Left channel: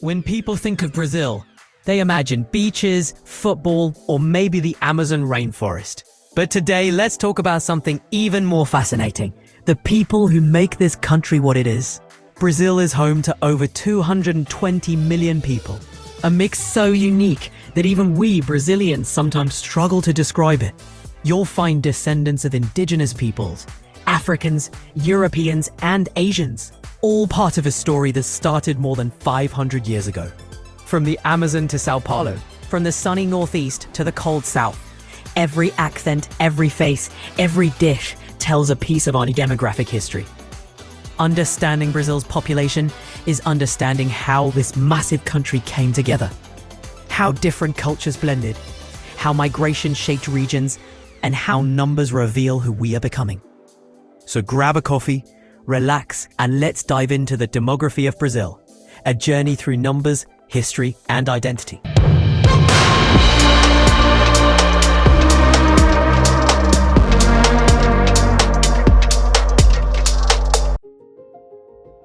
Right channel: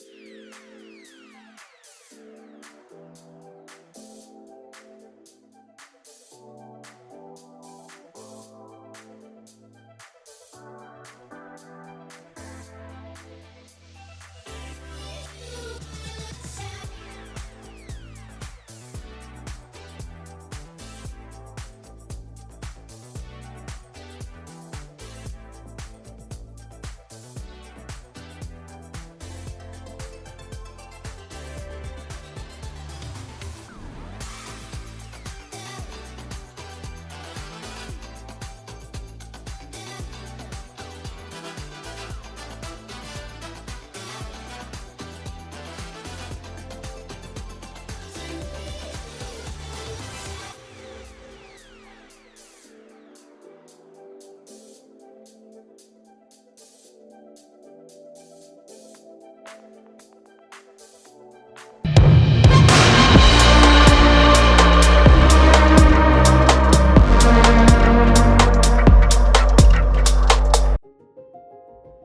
When people think of Brazil, they imagine beaches, football, or maybe the Amazon rainforest. But today, let's talk about something even more fascinating: the people who make this country what it is. Brazil is home to over 220 million people, a mix so unique that even we Brazilians sometimes struggle to describe it. You'll find descendants of indigenous peoples, Africans, Europeans, and Asians, all part of a story that started more than 500 years ago. From the Amazon to Sao Paulo, from the sunny northeast to the cold south, every accent, every face, every dish tells a piece of our demographic history. Understanding Brazil's population is understanding how this massive country came together, how different cultures blended, how migration shaped regions, and how numbers reveal who we are becoming. So grab a coffee, relax, and let's dive into the demography of Brazil, a journey through numbers, history, and identity.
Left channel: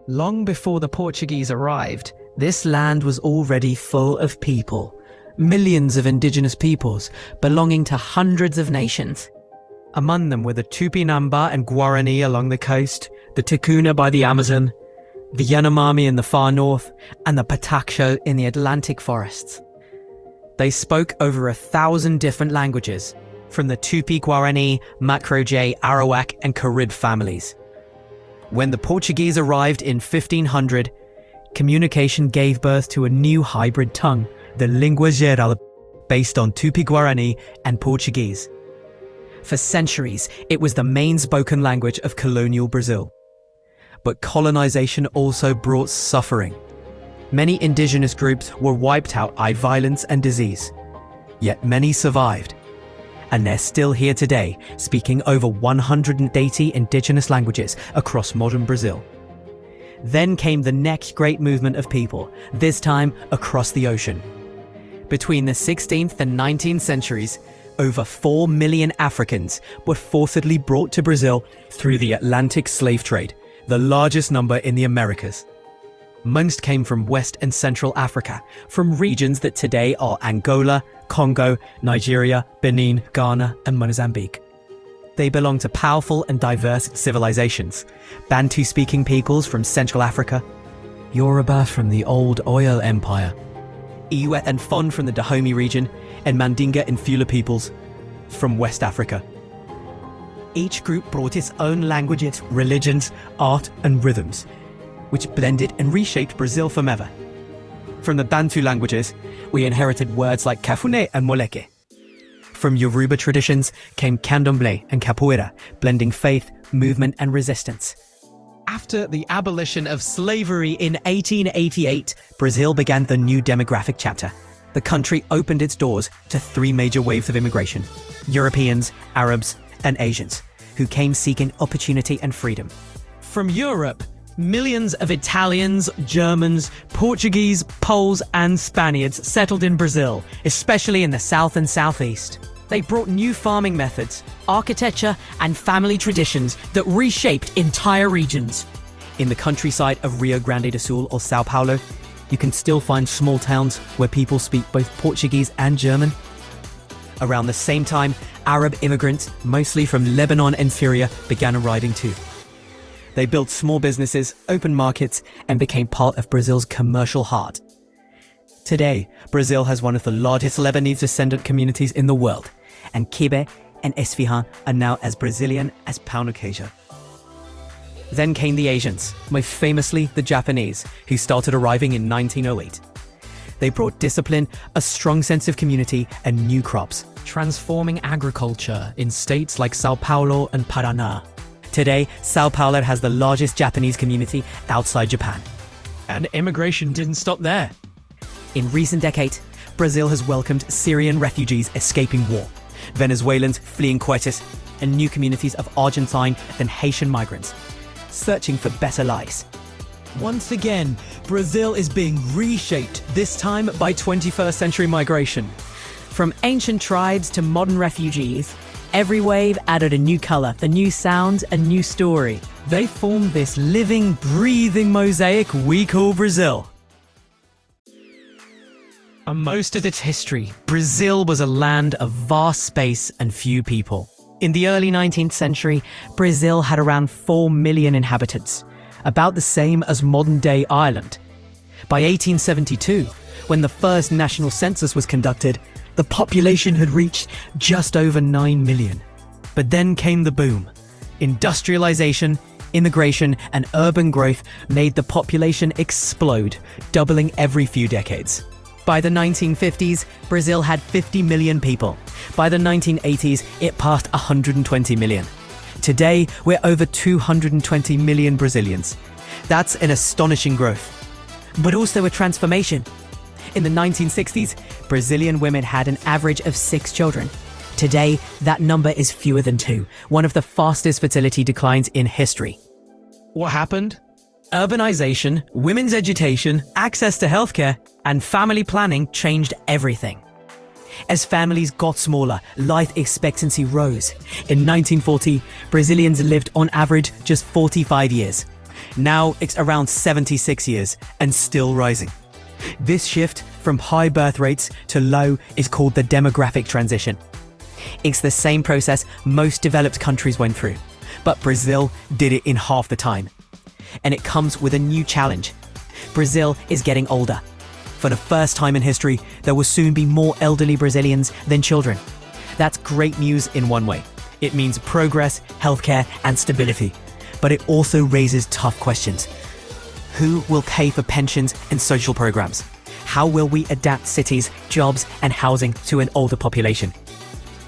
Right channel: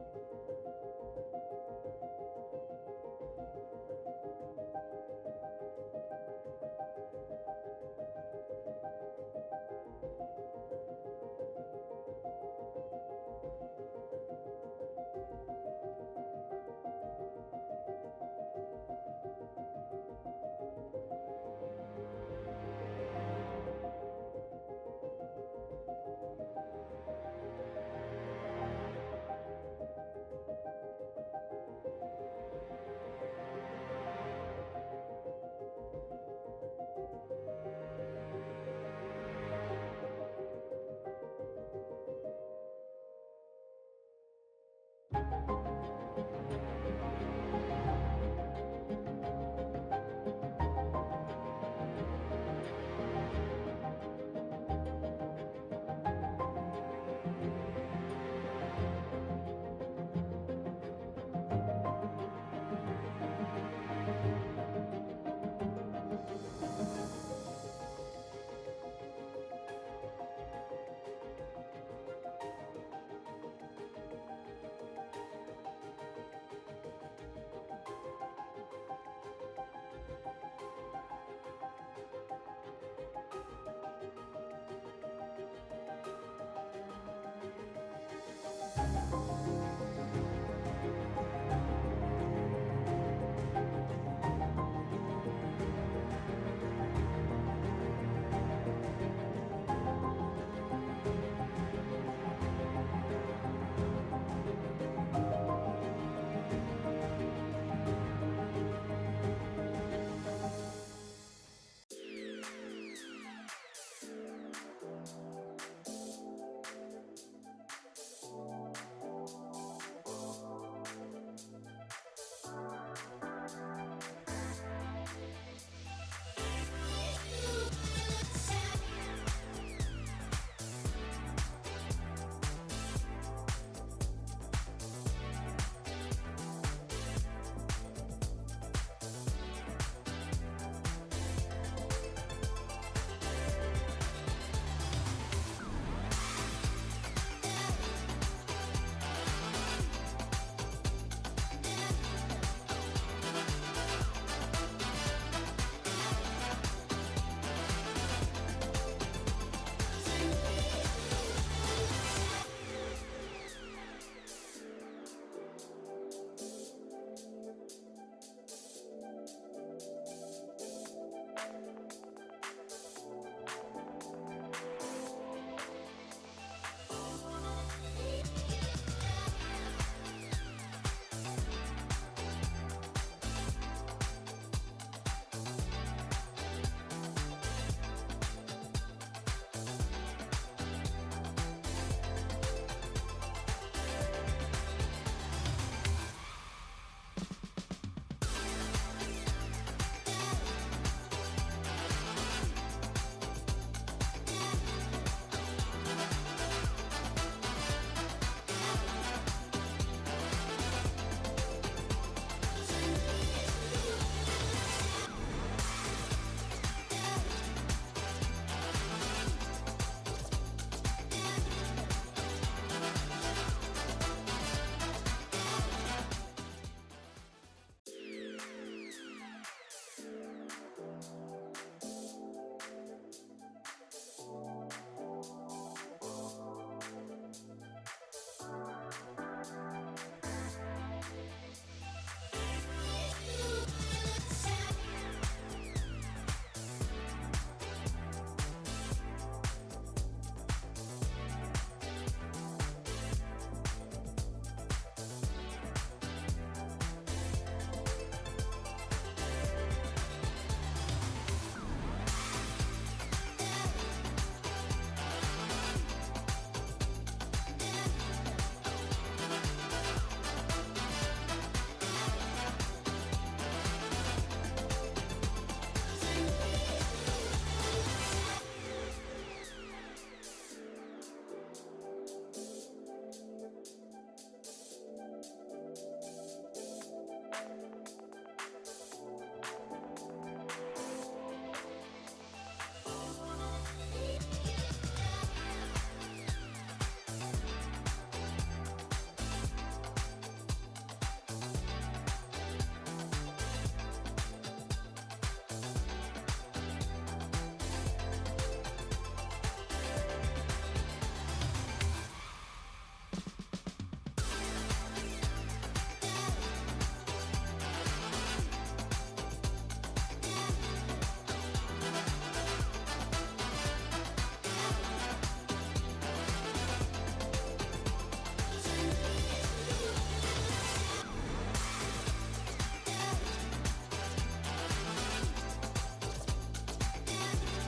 Long before the Portuguese arrived, this land was already full of people, millions of indigenous peoples belonging to hundreds of nations. Among them were the Tupinamba and Guarani along the coast, the Ticuna by the Amazon, the Yanomami in the far north, and the Pataxó in the Atlantic forests. They spoke over 1,000 different languages, from the Tupi-Guarani, Macro-J, Arawak, and Carib families. When the Portuguese arrived in 1500, communication gave birth to a new hybrid tongue, the Língua Geral, based on Tupi-Guarani and Portuguese. For centuries, it was the main spoken language of colonial Brazil. But colonization also brought suffering. Many indigenous groups were wiped out by violence and disease. Yet many survived. And they're still here today, speaking over 180 indigenous languages across modern Brazil. Then came the next great movement of people, this time across the ocean. Between the 16th and 19th centuries, over 4 million Africans were forcibly brought to Brazil through the Atlantic slave trade, the largest number in the Americas. Most came from West and Central Africa, from regions that today are Angola, Congo, Nigeria, Benin, Ghana, and Mozambique. They belong to powerful and diverse civilizations: Bantu-speaking peoples from Central Africa, Yoruba from the old Oyo Empire, Iwe and Fon from the Dahomey region, and Mandinga and Fula peoples from West Africa. Each group brought its own languages, religions, art, and rhythms, which blended and reshaped Brazil forever. From the Bantu languages, we inherited words like Cafune and Moleke. From Yoruba traditions came Candomblé and Capoeira, blending faith, movement, and resistance. After the abolition of slavery in 1888, Brazil began the new demographic chapter. The country opened its doors to 3 major waves of immigration: Europeans, Arabs, and Asians, who came seeking opportunity and freedom. From Europe, millions of Italians, Germans, Portuguese, Poles, and Spaniards settled in Brazil, especially in the south and southeast. They brought new farming methods, architecture, and family traditions that reshaped entire regions. In the countryside of Rio Grande do Sul or Sao Paulo, you can still find small towns where people speak both Portuguese and German. Around the same time, Arab immigrants, mostly from Lebanon and Syria, began arriving too. They built small businesses, opened markets, and became part of Brazil's commercial heart. Today, Brazil has one of the largest Lebanese descendant communities in the world, and Kibe and Esfihàn are now as Brazilian as Pão de Queijo. Then came the Asians, most famously the Japanese, who started arriving in 1908. They brought discipline, a strong sense of community, and new crops, transforming agriculture in states like Sao Paulo and Paraná. Today, Sao Paulo has the largest Japanese community outside Japan. And immigration didn't stop there. In recent decades, Brazil has welcomed Syrian refugees escaping war, Venezuelans fleeing crisis, and new communities of Argentine and Haitian migrants, searching for better lives. Once again, Brazil is being reshaped, this time by 21st century migration. From ancient tribes to modern refugees, every wave added a new color, a new sound, a new story. They formed this living, breathing mosaic we call Brazil. For most of its history, Brazil was a land of vast space and few people. In the early 19th century, Brazil had around 4 million inhabitants, about the same as modern-day Ireland. By 1872, when the first national census was conducted, the population had reached just over 9 million. But then came the boom. Industrialization, immigration, and urban growth made the population explode, doubling every few decades. By the 1950s, Brazil had 50 million people. By the 1980s, it passed 120 million. Today, we're over 220 million Brazilians. That's an astonishing growth, but also a transformation. In the 1960s, Brazilian women had an average of 6 children. Today, that number is fewer than 2, one of the fastest fertility declines in history. What happened? Urbanization, women's education, access to healthcare, and family planning changed everything. As families got smaller, life expectancy rose. In 1940, Brazilians lived on average just 45 years. Now it's around 76 years and still rising. This shift from high birth rates to low is called the demographic transition. It's the same process most developed countries went through, but Brazil did it in half the time. And it comes with a new challenge. Brazil is getting older. For the first time in history, there will soon be more elderly Brazilians than children. That's great news in one way. It means progress, healthcare, and stability. But it also raises tough questions. Who will pay for pensions and social programs? How will we adapt cities, jobs, and housing to an older population?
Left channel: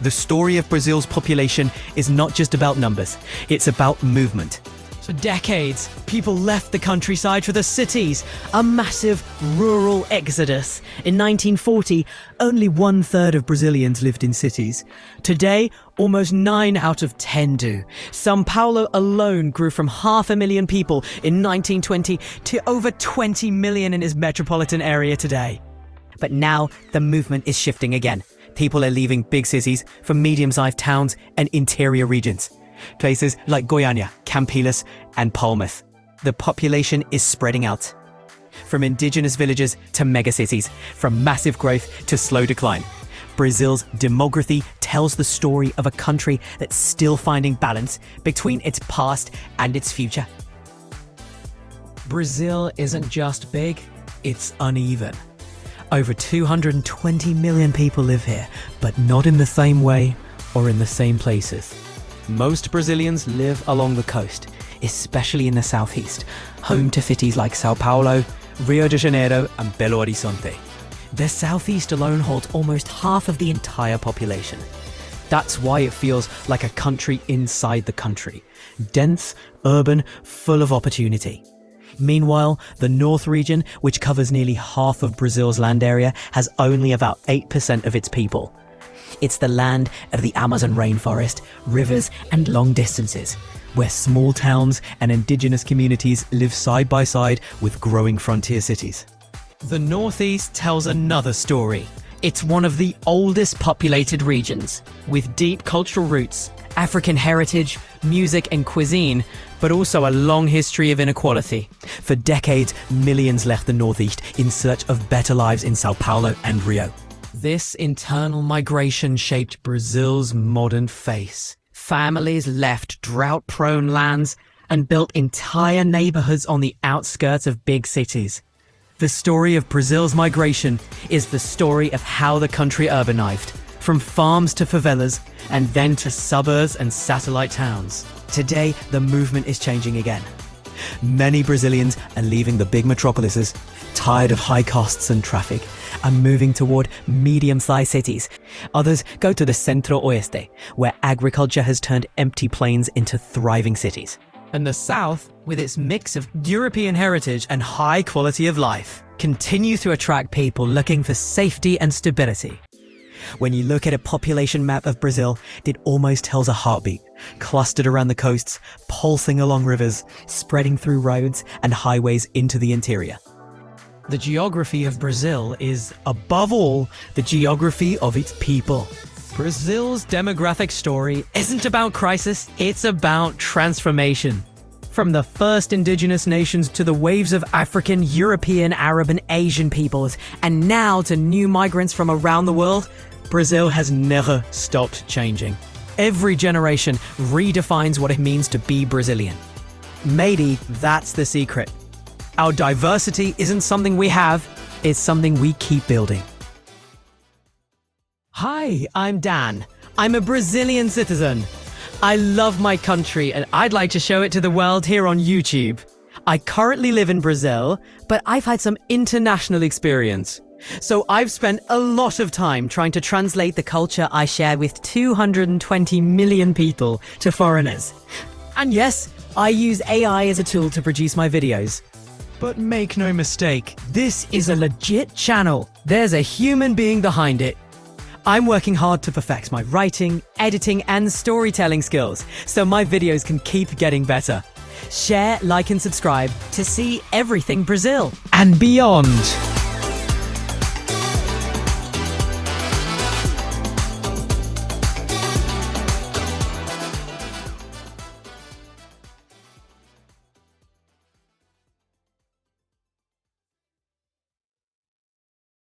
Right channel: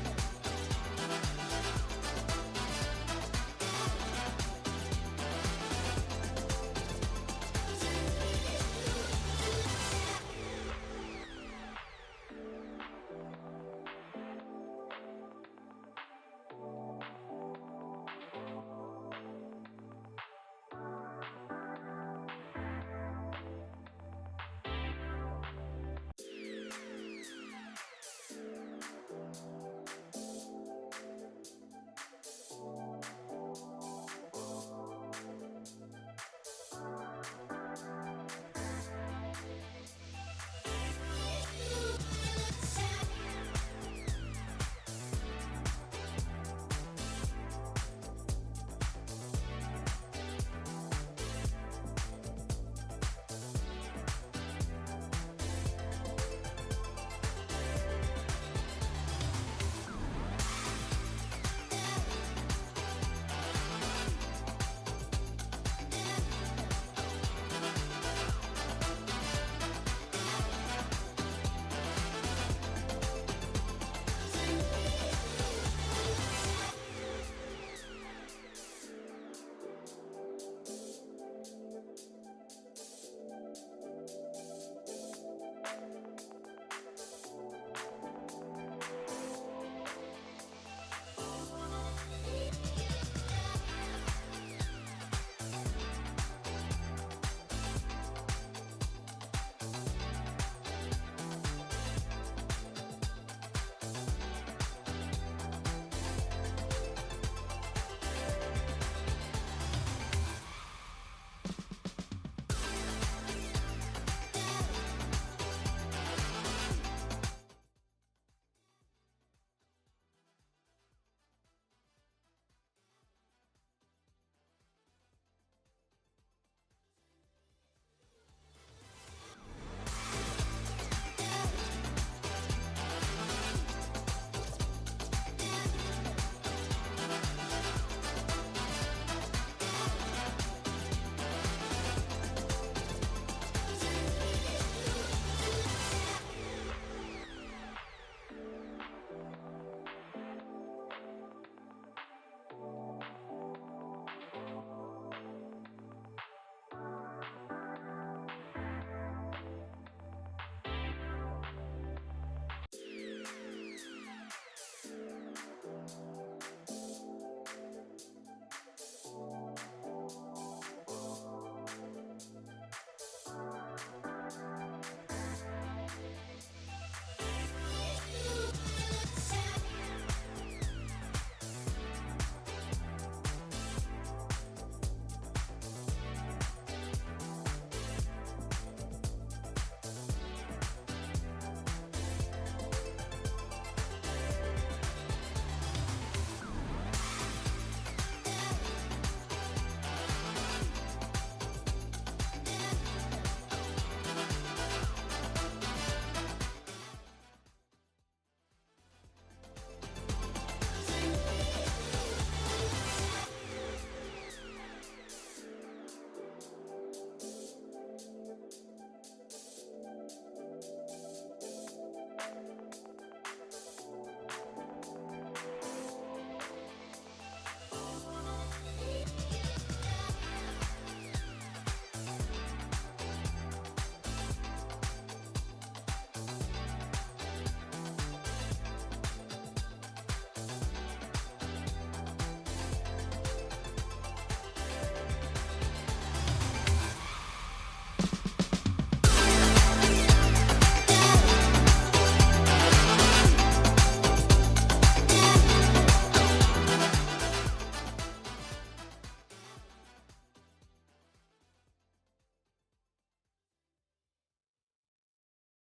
The story of Brazil's population is not just about numbers, it's about movement. For decades, people left the countryside for the cities, a massive rural exodus. In 1940, only 1/3 of Brazilians lived in cities. Today, almost 9 out of 10 do. São Paulo alone grew from 500,000 people in 1920 to over 20 million in its metropolitan area today. But now, the movement is shifting again. People are leaving big cities for medium-sized towns and interior regions. Places like Goiânia, Campinas, and Palmas. The population is spreading out. From indigenous villages to megacities, from massive growth to slow decline. Brazil's demography tells the story of a country that's still finding balance between its past and its future. Brazil isn't just big, it's uneven. Over 220 million people live here, but not in the same way or in the same places. Most Brazilians live along the coast, especially in the southeast, home to cities like São Paulo, Rio de Janeiro, and Belo Horizonte. The southeast alone holds almost half of the entire population. That's why it feels like a country inside the country. Dense, urban, full of opportunity. Meanwhile, the North region, which covers nearly half of Brazil's land area, has only about 8% of its people. It's the land of the Amazon rainforest, rivers, and long distances, where small towns and indigenous communities live side by side with growing frontier cities. The Northeast tells another story. It's one of the oldest populated regions, with deep cultural roots, African heritage, music, and cuisine, but also a long history of inequality. For decades, millions left the Northeast in search of better lives in São Paulo and Rio. This internal migration shaped Brazil's modern face. Families left drought-prone lands and built entire neighborhoods on the outskirts of big cities. The story of Brazil's migration is the story of how the country urbanized, from farms to favelas, and then to suburbs and satellite towns. Today, the movement is changing again. Many Brazilians are leaving the big metropolises, tired of high costs and traffic, and moving toward medium-sized cities. Others go to the Centro-Oeste, where agriculture has turned empty plains into thriving cities. And the South, with its mix of European heritage and high quality of life, continues to attract people looking for safety and stability. When you look at a population map of Brazil, it almost tells a heartbeat, clustered around the coasts, pulsing along rivers, spreading through roads and highways into the interior. The geography of Brazil is, above all, the geography of its people. Brazil's demographic story isn't about crisis, it's about transformation. From the first indigenous nations to the waves of African, European, Arab, and Asian peoples, and now to new migrants from around the world, Brazil has never stopped changing. Every generation redefines what it means to be Brazilian. Maybe that's the secret. Our diversity isn't something we have, it's something we keep building. Hi, I'm Dan. I'm a Brazilian citizen. I love my country and I'd like to show it to the world here on YouTube. I currently live in Brazil, but I've had some international experience. So I've spent a lot of time trying to translate the culture I share with 220 million people to foreigners. And yes, I use AI as a tool to produce my videos. But make no mistake, this is a legit channel. There's a human being behind it. I'm working hard to perfect my writing, editing, and storytelling skills, so my videos can keep getting better. Share, like, and subscribe to see everything Brazil and beyond.